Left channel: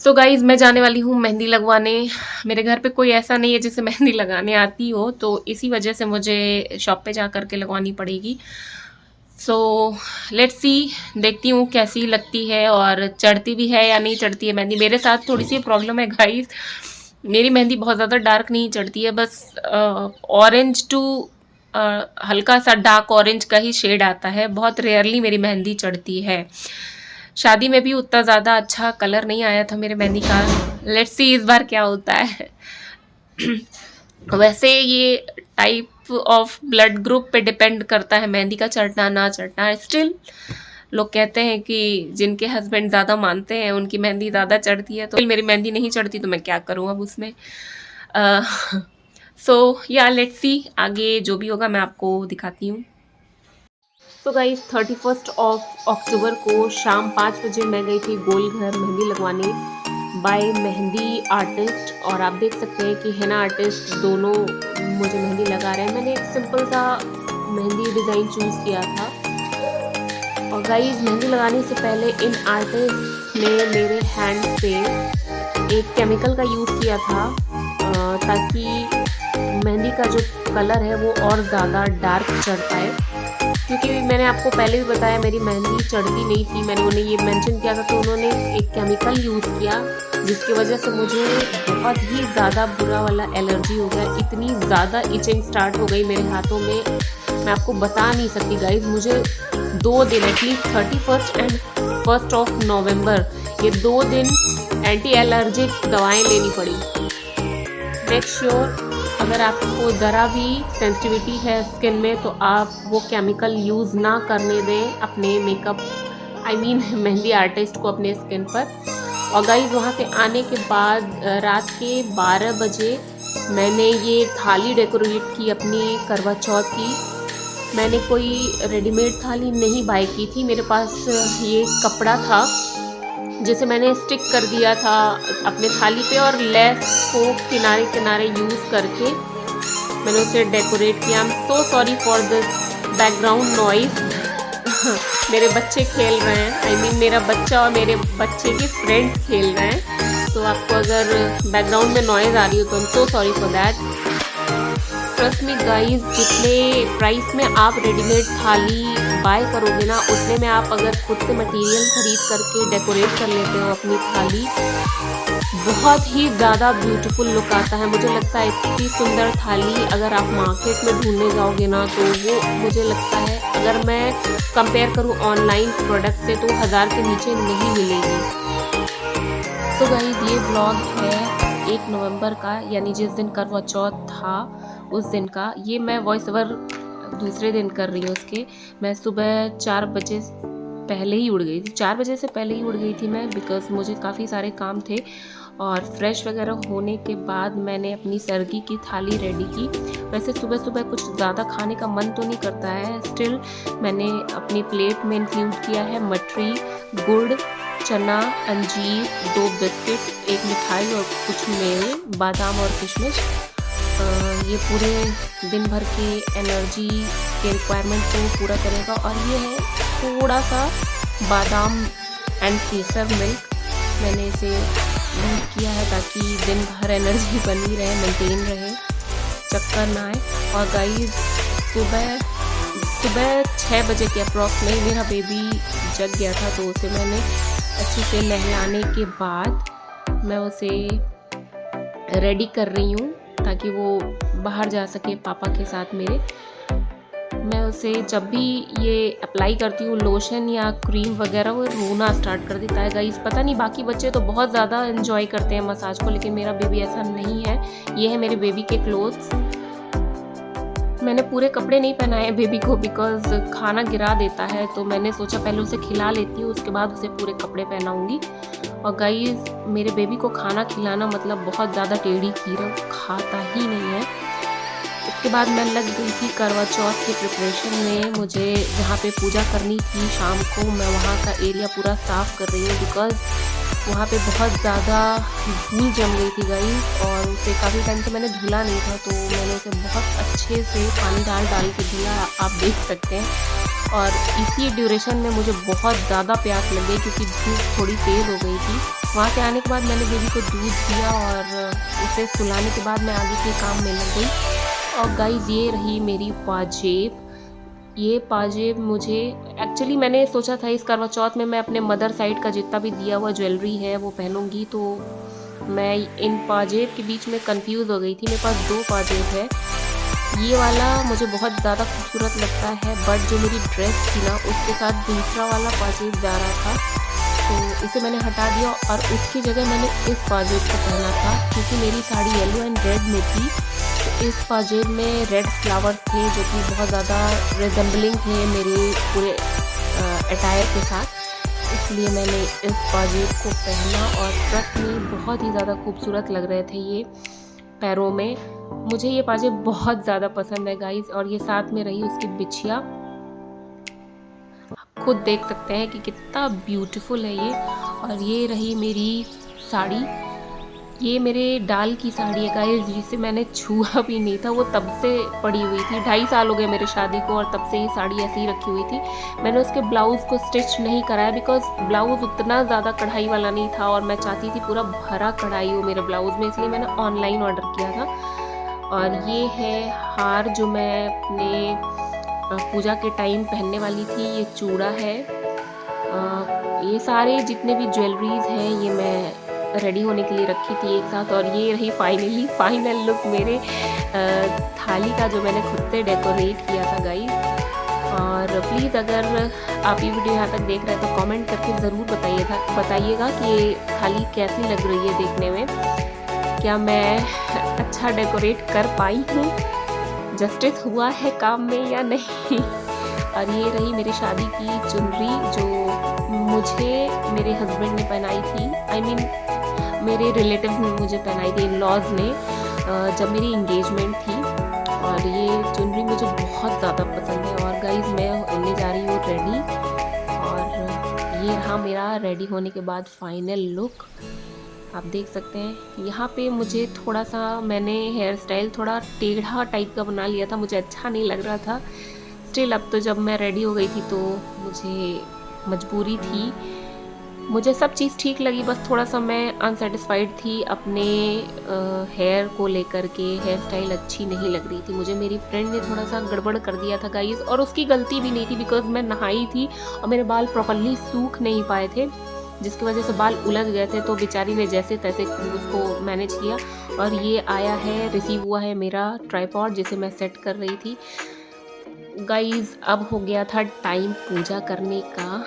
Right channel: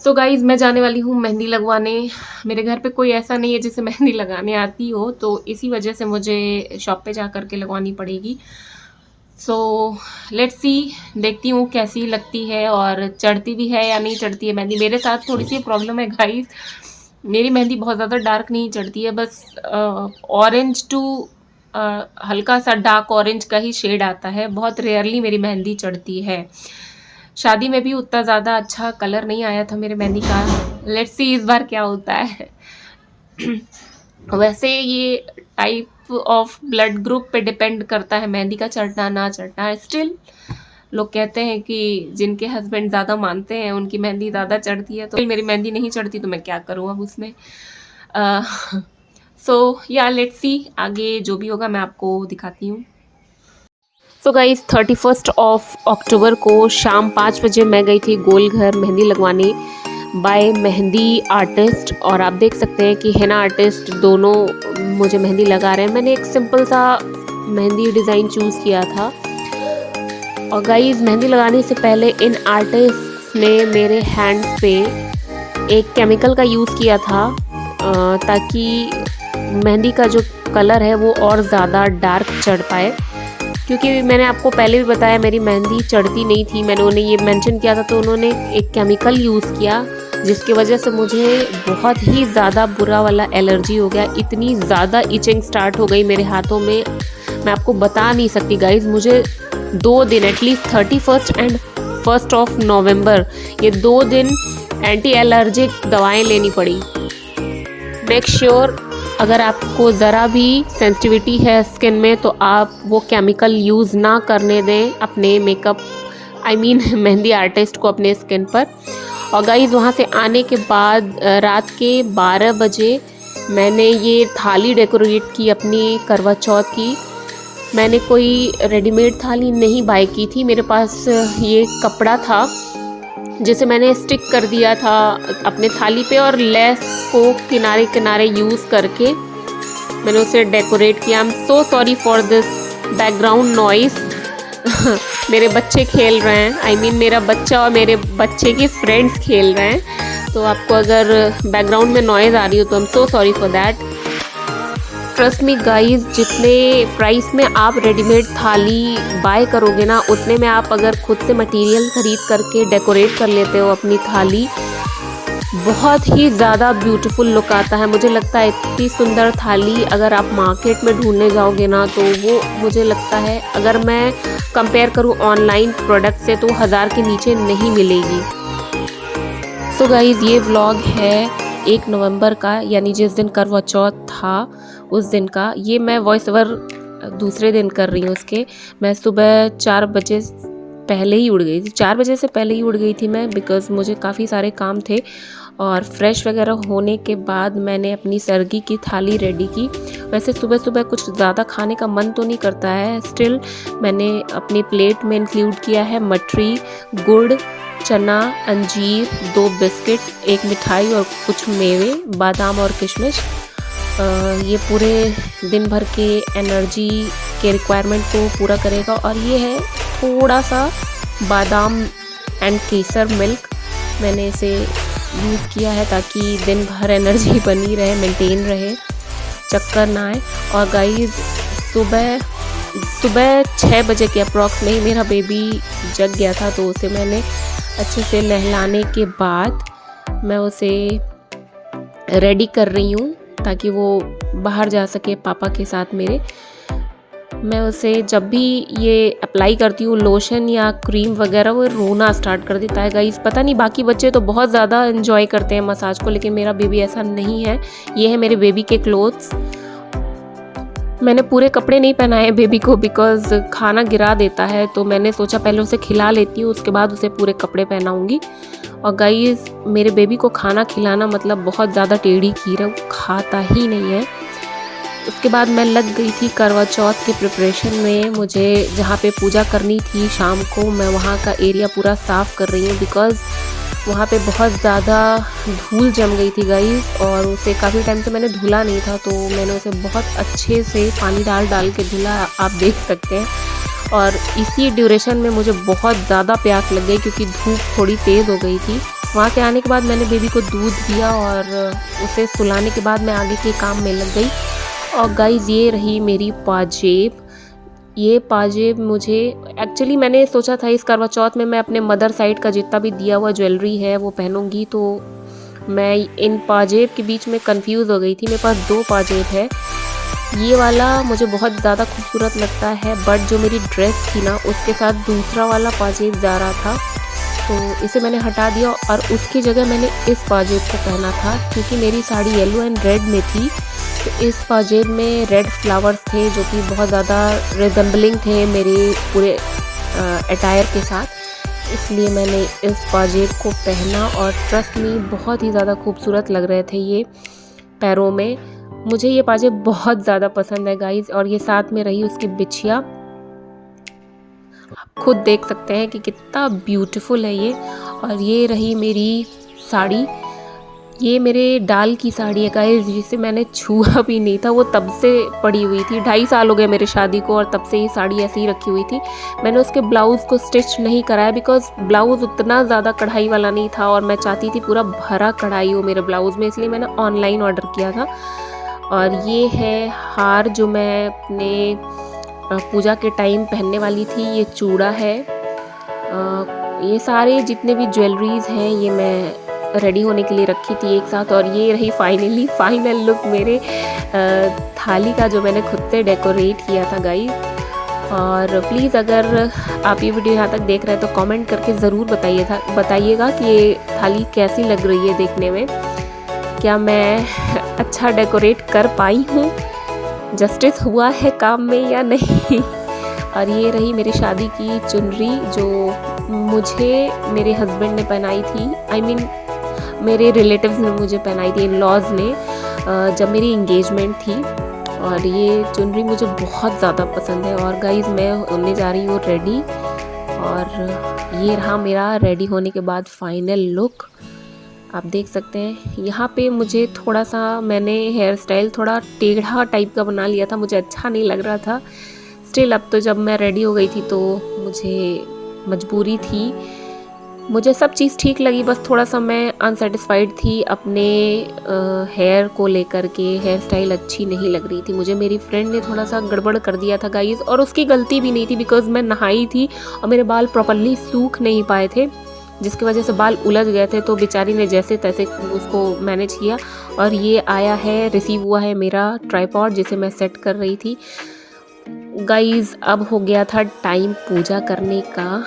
So guys मैं जाने वाली हूँ मेहंदी लगवाने। मेरे घर पे कोई ऐसा नहीं है जिसे मेहंदी लगाने आती हो, तो इसी वजह से मुझे शॉप पे जा कर के लगवानी पड़ेगी। सो लेट्स सी, देखती हूँ कैसी लगती है और चढ़ती भी है या नहीं चढ़ती है मेहंदी। मेरे साथ थोड़ी सी प्रॉब्लम है गाइज़, मेरी मेहंदी बहुत ज़्यादा डार्क नहीं चढ़ती है, बस ऑरेंज टू हल्का सा डार्क ऑरेंज का ही शेड आता है। बहुत रेयरली मेरी मेहंदी चढ़ती है। शादी में भी उतना ज़्यादा अच्छा कलर नहीं आया था मेरे मेहंदी का। लेट्स सी इस बार क्या होता है। वैसे ये टाइप ऑफ ब्लड ग्रुप पे डिपेंड करता है मेहंदी का चढ़ना ना चढ़ना। स्टिल लोग कहते हैं कि जिनके हस्बैंड ज़्यादा मानते हैं उनकी मेहंदी ज़्यादा चढ़ती है, तो मेरी मेहंदी नहीं चढ़ती तो मैं क्या करूँ अब उसमें। सो या लेट्स सी, आगे जो भी होगा मैं आपको दिखाती हूँ। सो गाइस 31 अक्टूबर को शाम 5 बजे मैं गई थी गोलघर मेहंदी लगवाने बाय मेहंदी आर्टिस्ट, और आप देख सकते हैं कि हेना आर्टिस्ट दोनों मुझे मेहंदी लगा रहे हैं। मैंने एक सिंपल सा मेहंदी डिज़ाइन चूज़ किया था। और गाइस मेहंदी लगाने से पहले इन आर्टिस्ट ने मेरे हैंड पे एक केमिकल का यूज़ किया था ताकि मेहंदी का जो कलर है वो और ज़्यादा डार्क चढ़ पाए। क्योंकि मैंने आपको पहले भी बताया मेरी मेहंदी चढ़ती नहीं थी, मैंने उन्हें ये मेंशन किया था, तो उन्होंने एक केमिकल यूज़ किया जिसकी वजह से मुझे बहुत ही ज़्यादा बुरा वाला एलर्जी हो गया। इतनी ज़्यादा इचिंग स्टार्ट हो गई मेरे हाथों में, मैं आपको बता नहीं सकती गाइज़। मुझे 2 दिन एटलीस्ट 31 एंड 1 नवंबर ये 2 दिन एंटी एलर्जिक दवाएं लेनी पड़ी। मेक श्योर अगर आपको ज़रा भी सेंसिटिविटी है स्किन में तो आप वो केमिकल यूज़ ना करने दें अपने मेकअप मेहंदी आर्टिस्ट को अपने स्किन पर। और गाइस वहाँ से आने के बाद रात के 12 बजे मैंने ये थाली डेकोरेट की अपनी करवा चौथ की। मैंने कोई रेडीमेड थाली नहीं बाय की थी, मेरे पास ये कपड़ा था जिसे मैंने स्टिक कर दिया था अपने थाली पे, और लेस को किनारे किनारे यूज़ करके मैंने उसे डेकोरेट किया। आई am so sorry for this background noise. मेरे बच्चे खेल रहे हैं, मेरा बच्चा और मेरे बच्चे के फ्रेंड्स खेल रहे हैं, तो आपको अगर बैकग्राउंड में नॉइज़ आ रही हो तो आई am so sorry for that. Trust me guys, जितने प्राइस में आप रेडीमेड थाली बाय करोगे ना, उतने में आप अगर खुद से मटेरियल ख़रीद करके डेकोरेट कर लेते हो अपनी थाली, बहुत ही ज़्यादा ब्यूटीफुल लुक आता है। मुझे लगता है इतनी सुंदर थाली अगर आप मार्केट में ढूंढने जाओगे ना, तो वो मुझे लगता है अगर मैं कंपेयर करूँ ऑनलाइन प्रोडक्ट से तो 1000 के नीचे नहीं मिलेगी। सो गाइस ये व्लॉग है 1 नवंबर का, यानी जिस दिन करवा चौथ था उस दिन का। ये मैं वॉइस ओवर दूसरे दिन कर रही हूँ उसके। मैं सुबह 4 बजे पहले ही उठ गई थी, 4 बजे से पहले ही उठ गई थी मैं, बिकॉज़ मुझे काफ़ी सारे काम थे। और फ्रेश वगैरह होने के बाद मैंने अपनी सर्गी की थाली रेडी की। वैसे सुबह सुबह कुछ ज़्यादा खाने का मन तो नहीं करता है, स्टिल मैंने अपनी प्लेट में इंक्लूड किया है मठरी, गुड़, चना, अंजीर, 2 बिस्किट, 1 मिठाई और कुछ मेवे, बादाम और किशमिश। ये पूरे दिन भर के एनर्जी के रिक्वायरमेंट को पूरा करेगा। और ये है थोड़ा सा बादाम एंड केसर मिल्क, मैंने इसे यूज़ किया है ताकि दिन भर एनर्जी बनी रहे, मेंटेन रहे, चक्कर ना आए। और गाइस सुबह 6 बजे के अप्रॉक्स में ही मेरा बेबी जग गया था, तो उसे मैंने अच्छे से नहलाने के बाद मैं उसे रेडी कर रही हूँ ताकि वो बाहर जा सके पापा के साथ मेरे। मैं उसे जब भी ये अप्लाई करती हूँ लोशन या क्रीम वगैरह, वो रोना स्टार्ट कर देता है गाइस। पता नहीं बाकी बच्चे तो बहुत ज़्यादा एंजॉय करते हैं मसाज को, लेकिन मेरा बेबी ऐसा नहीं है। ये है मेरे बेबी के क्लोथ्स। मैंने पूरे कपड़े नहीं पहनाए बेबी को बिकॉज़ खाना गिरा देता है, तो मैंने सोचा पहले उसे खिला लेती हूँ, उसके बाद उसे पूरे कपड़े पहनाऊँगी। और गाइस मेरे बेबी को खाना खिलाना मतलब बहुत ज़्यादा टेढ़ी खीर है, वो खाता ही नहीं है। उसके बाद मैं लग गई थी करवा चौथ के प्रिपरेशन में। मुझे जहाँ पे पूजा करनी थी शाम को, मैं वहाँ का एरिया पूरा साफ़ कर रही हूँ बिकॉज़ वहाँ पे बहुत ज़्यादा धूल जम गई थी गाइस, और उसे काफ़ी टाइम से मैंने धुला नहीं था, तो मैंने उसे बहुत अच्छे से पानी डाल के धुला, आप देख सकते हैं। और इसी ड्यूरेशन में मुझे बहुत ज़्यादा प्यास लग गई क्योंकि धूप थोड़ी तेज़ हो गई थी। वहाँ से आने के बाद मैंने बेबी को दूध दिया और उसे सुलाने के बाद मैं आगे के काम में लग गई। और गाइज़ ये रही मेरी पाजेब। ये पाजेब मुझे एक्चुअली मैंने सोचा था इस करवा चौथ में मैं अपने मदर साइड का जितना भी दिया हुआ ज्वेलरी है वो पहनूंगी, तो मैं इन पाजेब के बीच में कंफ्यूज हो गई थी। मेरे पास 2 पाजेब है। ये वाला मुझे बहुत ज़्यादा खूबसूरत लगता है, बट जो मेरी ड्रेस थी ना उसके साथ दूसरा वाला पाजेब जा रहा था, तो इसे मैंने हटा दिया और उसकी जगह मैंने इस पाजेब को पहना था। क्योंकि मेरी साड़ी येलो एंड रेड में थी, तो इस पाजेब में रेड फ्लावर्स थे जो कि बहुत ज़्यादा रिजेंबलिंग थे मेरे पूरे अटायर के साथ, इसलिए मैंने इस पाजेब को पहना और ट्रस्ट में बहुत ही ज़्यादा खूबसूरत लग रहे थे ये पैरों में। मुझे ये पाजेब बहुत ज़्यादा पसंद है गाइस। और ये साथ में रही उसकी बिछिया, आप खुद देख सकते हैं कि कितना ब्यूटीफुल है ये। और ये रही मेरी साड़ी, ये मेरे डाल की साड़ी है गाइस, जिसे मैंने छुआ भी नहीं था, वो तब से पड़ी हुई थी। 2.5 साल हो गए मेरी शादी को और तब से ये साड़ी ऐसी ही रखी हुई थी। मैंने उसके ब्लाउज़ को स्टिच नहीं कराया बिकॉज ब्लाउज़ उतना ज़्यादा कढ़ाई वाला नहीं था और मैं चाहती थी पूरा भरा कढ़ाई हो मेरे ब्लाउज़ में, इसलिए मैंने ऑनलाइन ऑर्डर किया था। और ये है हार जो मैं अपने पूजा के टाइम पहनने वाली थी, ये चूड़ा है। ये सारे जितने भी ज्वेलरीज हैं ये मैं रेडी होने के लिए रखी थी एक साथ। और ये रही फाइनल लुक मेरे थाली का जो मैंने खुद से डेकोरेट किया था गाइस। और प्लीज़ अगर आप ये वीडियो यहाँ तक देख रहे हैं तो कमेंट करके ज़रूर बताइएगा कि ये थाली कैसी लग रही है देखने में, क्या मैं अच्छा डेकोरेट कर पाई हूँ, जस्टिस हुआ है काम में या नहीं। और ये रही मेरी शादी की चुनरी जो मुझे मेरे हस्बैंड ने पहनाई थी, I mean मेरे रिलेटिव्स ने मुझे पहनाई थी, इन लॉज ने, जब मेरी इंगेजमेंट थी। और ये चुनरी मुझे बहुत ज़्यादा पसंद है। और गाइज़ मैं होने जा रही हूँ रेडी, और ये रहा मेरा रेडी होने के बाद फाइनल लुक, आप देख सकते हैं। यहाँ पे मुझे थोड़ा सा मैंने हेयर स्टाइल थोड़ा टेढ़ा टाइप का बना लिया था, मुझे अच्छा नहीं लग रहा था। स्टिल अब तो जब मैं रेडी हो गई थी तो मुझे मजबूरी थी, मुझे सब चीज़ ठीक लगी, बस थोड़ा सा मैं अनसेटिस्फाइड थी अपने हेयर को लेकर के। हेयर स्टाइल अच्छी नहीं लग रही थी मुझे, मेरी फ्रेंड ने थोड़ा सा गड़बड़ कर दिया था गाइस, और उसकी गलती भी नहीं थी बिकॉज मैं नहाई थी और मेरे बाल प्रॉपरली सूख नहीं पाए थे, जिसकी वजह से बाल उलझ गए थे। तो बेचारी ने जैसे तैसे उसको मैनेज किया। और ये आया है, रिसीव हुआ है मेरा ट्राइपॉड जिसे मैं सेट कर रही थी गाइस। अब हो गया था टाइम पूजा करने का।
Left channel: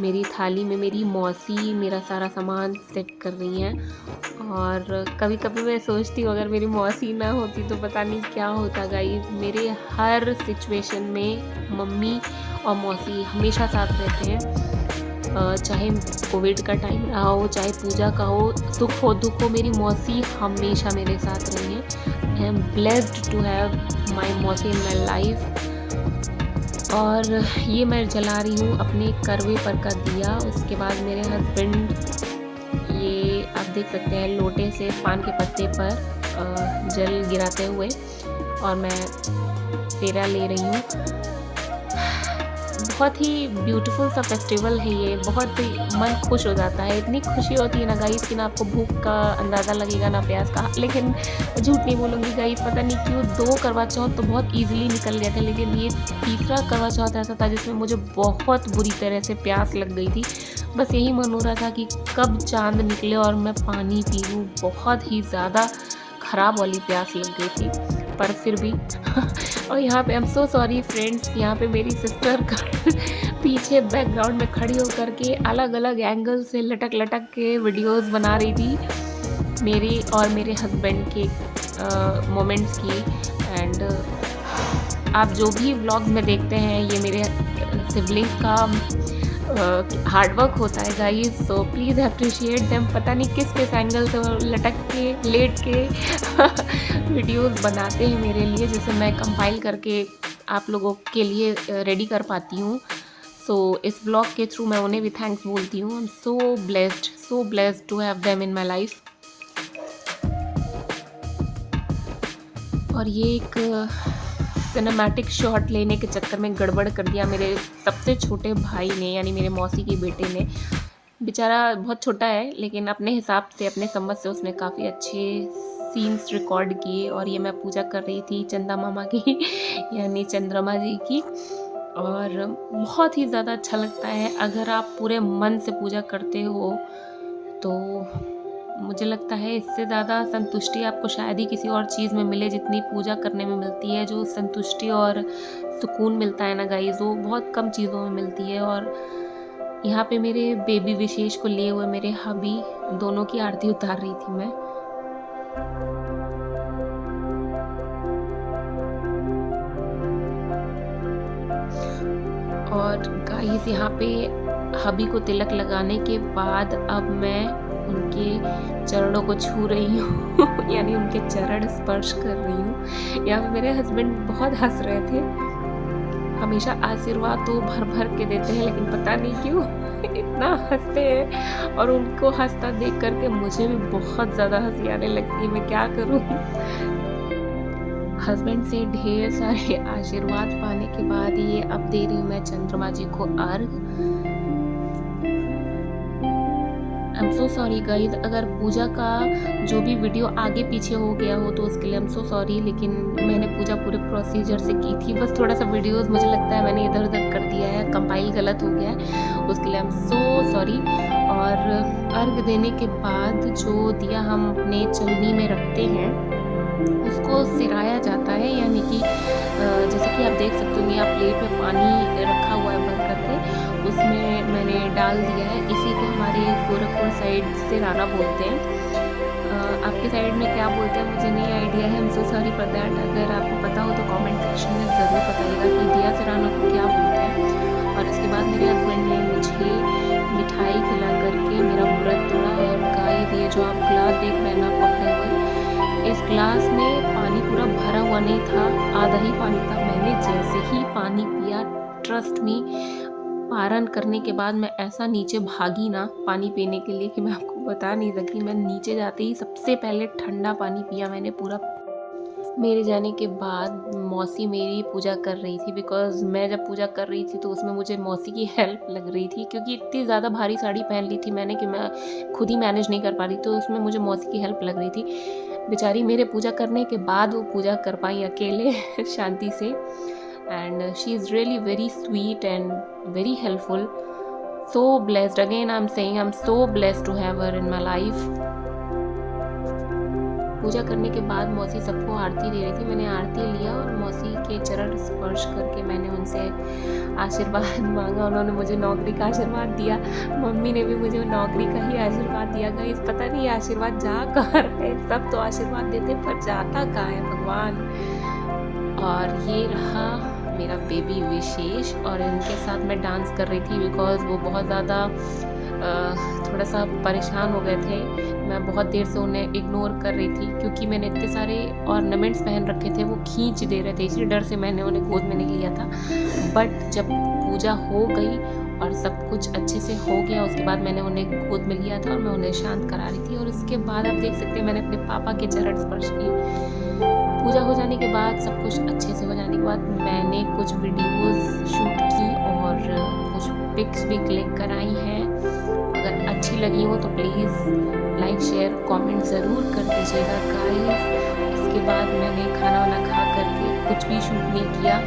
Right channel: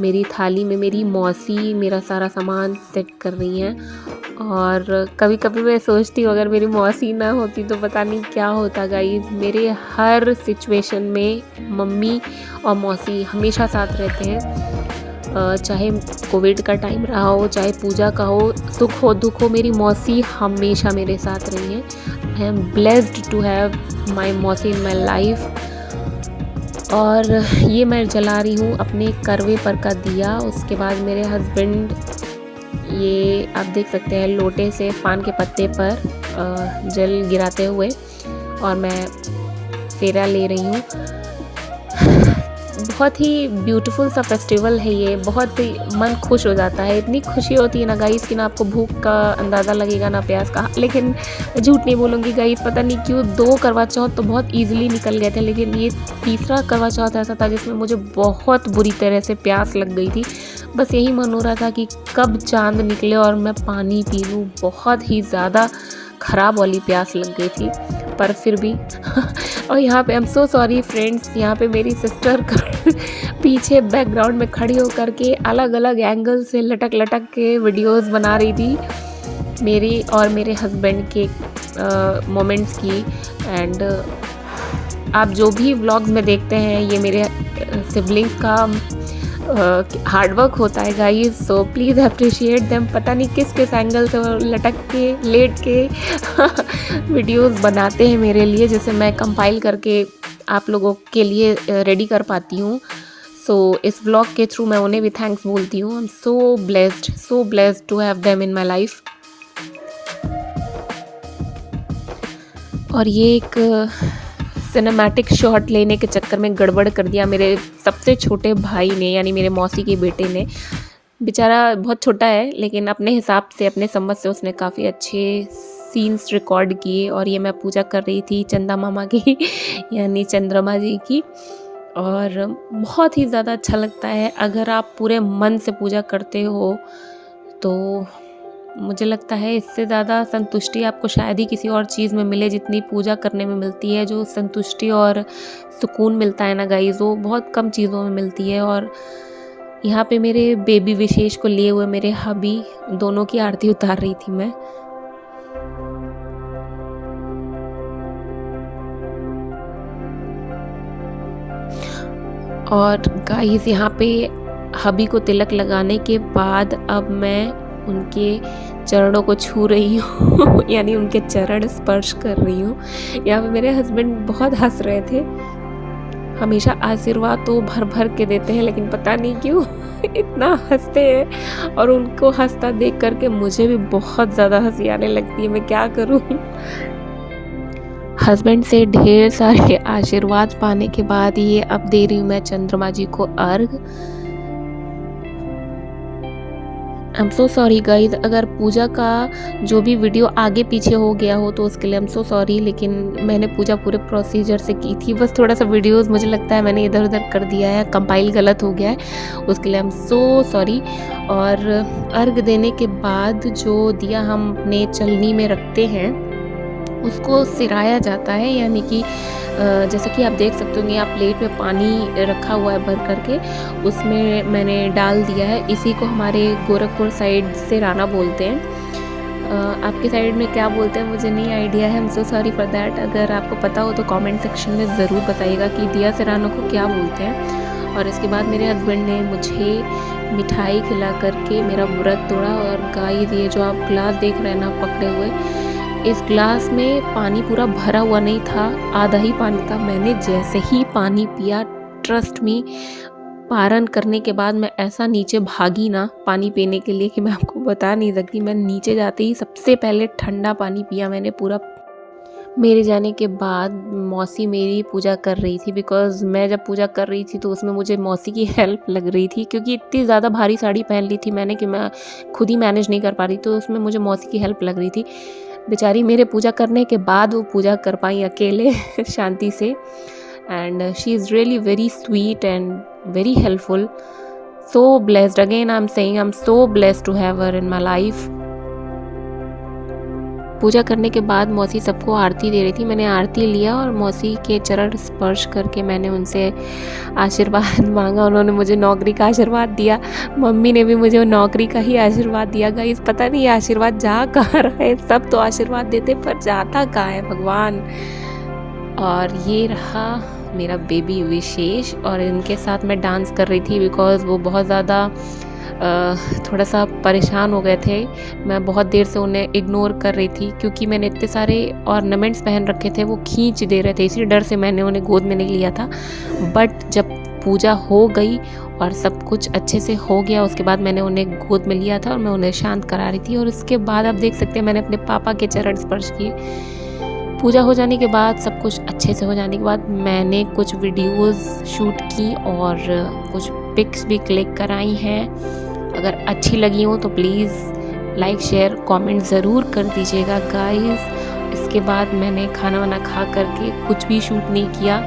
मेरी थाली में मेरी मौसी मेरा सारा सामान सेट कर रही हैं। और कभी कभी मैं सोचती हूँ अगर मेरी मौसी ना होती तो पता नहीं क्या होता गाइस। मेरे हर सिचुएशन में मम्मी और मौसी हमेशा साथ रहते हैं, चाहे कोविड का टाइम रहा हो, चाहे पूजा का हो, सुख हो दुख हो, मेरी मौसी हमेशा मेरे साथ रही हैं। I am blessed to have my मौसी इन माई लाइफ। और ये मैं जला रही हूँ अपने करवे पर का दिया। उसके बाद मेरे हस्बैंड, ये आप देख सकते हैं, लोटे से पान के पत्ते पर जल गिराते हुए, और मैं फेरा ले रही हूँ। बहुत ही ब्यूटीफुल सा फेस्टिवल है ये, बहुत ही मन खुश हो जाता है। इतनी खुशी होती है ना गाइस कि ना आपको भूख का अंदाज़ा लगेगा ना प्यास का। लेकिन झूठ नहीं बोलूँगी गाइस, पता नहीं क्यों 2 करवा चौथ तो बहुत इजीली निकल गए थे, लेकिन ये तीसरा करवा चौथ ऐसा था जिसमें मुझे बहुत बुरी तरह से प्यास लग गई थी। बस यही मन हो रहा था कि कब चाँद निकले और मैं पानी पी लूँ। बहुत ही ज़्यादा ख़राब वाली प्यास लग गई थी, पर फिर भी और यहाँ पे आई एम सो सॉरी फ्रेंड्स, यहाँ पे मेरी सिस्टर पीछे बैकग्राउंड में खड़ी होकर के अलग अलग एंगल से लटक के वीडियोस बना रही थी मेरी और मेरे हस्बैंड के मोमेंट्स की। एंड आप जो भी व्लॉग्स में देखते हैं ये मेरे सिबलिंग्स का हार्डवर्क होता है guys, so please appreciate them. पता नहीं किस एंगल से लटक के लेट के वीडियोस बनाते हैं मेरे लिए, जिसे मैं कंपाइल करके आप लोगों के लिए रेडी कर पाती हूँ। सो इस व्लॉग के थ्रू मैं उन्हें भी थैंक्स बोलती हूँ। I am so blessed to have them in my life. और ये एक सिनेमैटिक शॉट लेने के चक्कर में गड़बड़ कर दिया मेरे सबसे छोटे भाई ने, यानी मेरे मौसी के बेटे ने। बेचारा बहुत छोटा है, लेकिन अपने हिसाब से, अपने समझ से उसने काफ़ी अच्छे सीन्स रिकॉर्ड किए। और ये मैं पूजा कर रही थी चंदा मामा की यानी चंद्रमा जी की। और बहुत ही ज़्यादा अच्छा लगता है अगर आप पूरे मन से पूजा करते हो, तो मुझे लगता है इससे ज़्यादा संतुष्टि आपको शायद ही किसी और चीज़ में मिले जितनी पूजा करने में मिलती है। जो संतुष्टि और सुकून मिलता है ना गाइस, वो बहुत कम चीज़ों में मिलती है। और यहाँ पे मेरे बेबी विशेष को लिए हुए मेरे हबी दोनों की आरती उतार रही थी मैं। और गाइस यहाँ पे हबी को तिलक लगाने के बाद अब मैं उनके चरणों को छू रही हूँ यानी उनके चरण स्पर्श कर रही हूँ। यहाँ पे मेरे हस्बैंड बहुत हंस रहे थे। हमेशा आशीर्वाद तो भर भर के देते हैं, लेकिन पता नहीं क्यों इतना हंसते हैं। और उनको हंसता देख करके मुझे भी बहुत ज़्यादा हंसी आने लगती है, मैं क्या करूँ। हस्बैंड से ढेर सारे आशीर्वाद पाने के बाद ये अब दे रही हूँ मैं चंद्रमा जी को अर्घ। आई एम सो सॉरी गाइज, अगर पूजा का जो भी वीडियो आगे पीछे हो गया हो तो उसके लिए आई एम सो सॉरी। लेकिन मैंने पूजा पूरे प्रोसीजर से की थी, बस थोड़ा सा वीडियोस मुझे लगता है मैंने इधर उधर कर दिया है, कंपाइल गलत हो गया है, उसके लिए आई एम सो सॉरी। और अर्घ देने के बाद जो दिया हम अपने चलनी में रखते हैं उसको सिराया जाता है, यानी कि जैसे कि आप देख सकते होंगे, आप प्लेट में पानी रखा हुआ है भर करके, उसमें मैंने डाल दिया है। इसी को हमारे गोरखपुर साइड सिराना बोलते हैं। आपके साइड में क्या बोलते हैं मुझे नहीं आइडिया है, आई am so sorry for that. अगर आपको पता हो तो कमेंट सेक्शन में ज़रूर बताइएगा कि दिया सिराना को क्या बोलते हैं। और इसके बाद मेरे हस्बैंड ने मुझे मिठाई खिला करके मेरा व्रत तोड़ा। और गाइस, ये जो आप ग्लास देख रहे हैं ना पकड़े हुए, इस ग्लास में पानी पूरा भरा हुआ नहीं था, आधा ही पानी था। मैंने जैसे ही पानी पिया, ट्रस्ट मी, पारण करने के बाद मैं ऐसा नीचे भागी ना पानी पीने के लिए कि मैं आपको बता नहीं सकती। मैं नीचे जाते ही सबसे पहले ठंडा पानी पिया मैंने पूरा। मेरे जाने के बाद मौसी मेरी पूजा कर रही थी, बिकॉज़ मैं जब पूजा कर रही थी तो उसमें मुझे मौसी की हेल्प लग रही थी, क्योंकि इतनी ज़्यादा भारी साड़ी पहन ली थी मैंने कि मैं खुद ही मैनेज नहीं कर पा रही, तो उसमें मुझे मौसी की हेल्प लग रही थी। बेचारी मेरे पूजा करने के बाद वो पूजा कर पाई अकेले शांति से। And she is really very sweet and very helpful. So blessed, again I am saying I am so blessed to have her in my life. पूजा करने के बाद मौसी सबको आरती दे रही थी, मैंने आरती लिया और मौसी के चरण स्पर्श करके मैंने उनसे आशीर्वाद मांगा। उन्होंने मुझे नौकरी का आशीर्वाद दिया, मम्मी ने भी मुझे नौकरी का ही आशीर्वाद दिया। गाइस, पता नहीं आशीर्वाद जा कहाँ रहा है, सब तो आशीर्वाद देते पर जाता कहाँ है भगवान। और ये रहा मेरा बेबी विशेष, और इनके साथ मैं डांस कर रही थी बिकॉज़ वो बहुत ज़्यादा थोड़ा सा परेशान हो गए थे। मैं बहुत देर से उन्हें इग्नोर कर रही थी क्योंकि मैंने इतने सारे ऑर्नामेंट्स पहन रखे थे, वो खींच दे रहे थे, इसी डर से मैंने उन्हें गोद में नहीं लिया था। बट जब पूजा हो गई और सब कुछ अच्छे से हो गया, उसके बाद मैंने उन्हें गोद में लिया था और मैं उन्हें शांत करा रही थी। और उसके बाद आप देख सकते हैं मैंने अपने पापा के चरण स्पर्श किए। पूजा हो जाने के बाद, सब कुछ अच्छे से हो जाने के बाद, मैंने कुछ वीडियोस शूट की और कुछ पिक्स भी क्लिक कराई हैं। अगर अच्छी लगी हो तो प्लीज़ लाइक शेयर कमेंट ज़रूर कर दीजिएगा गाइस। इसके बाद मैंने खाना वाना खा करके कुछ भी शूट नहीं किया।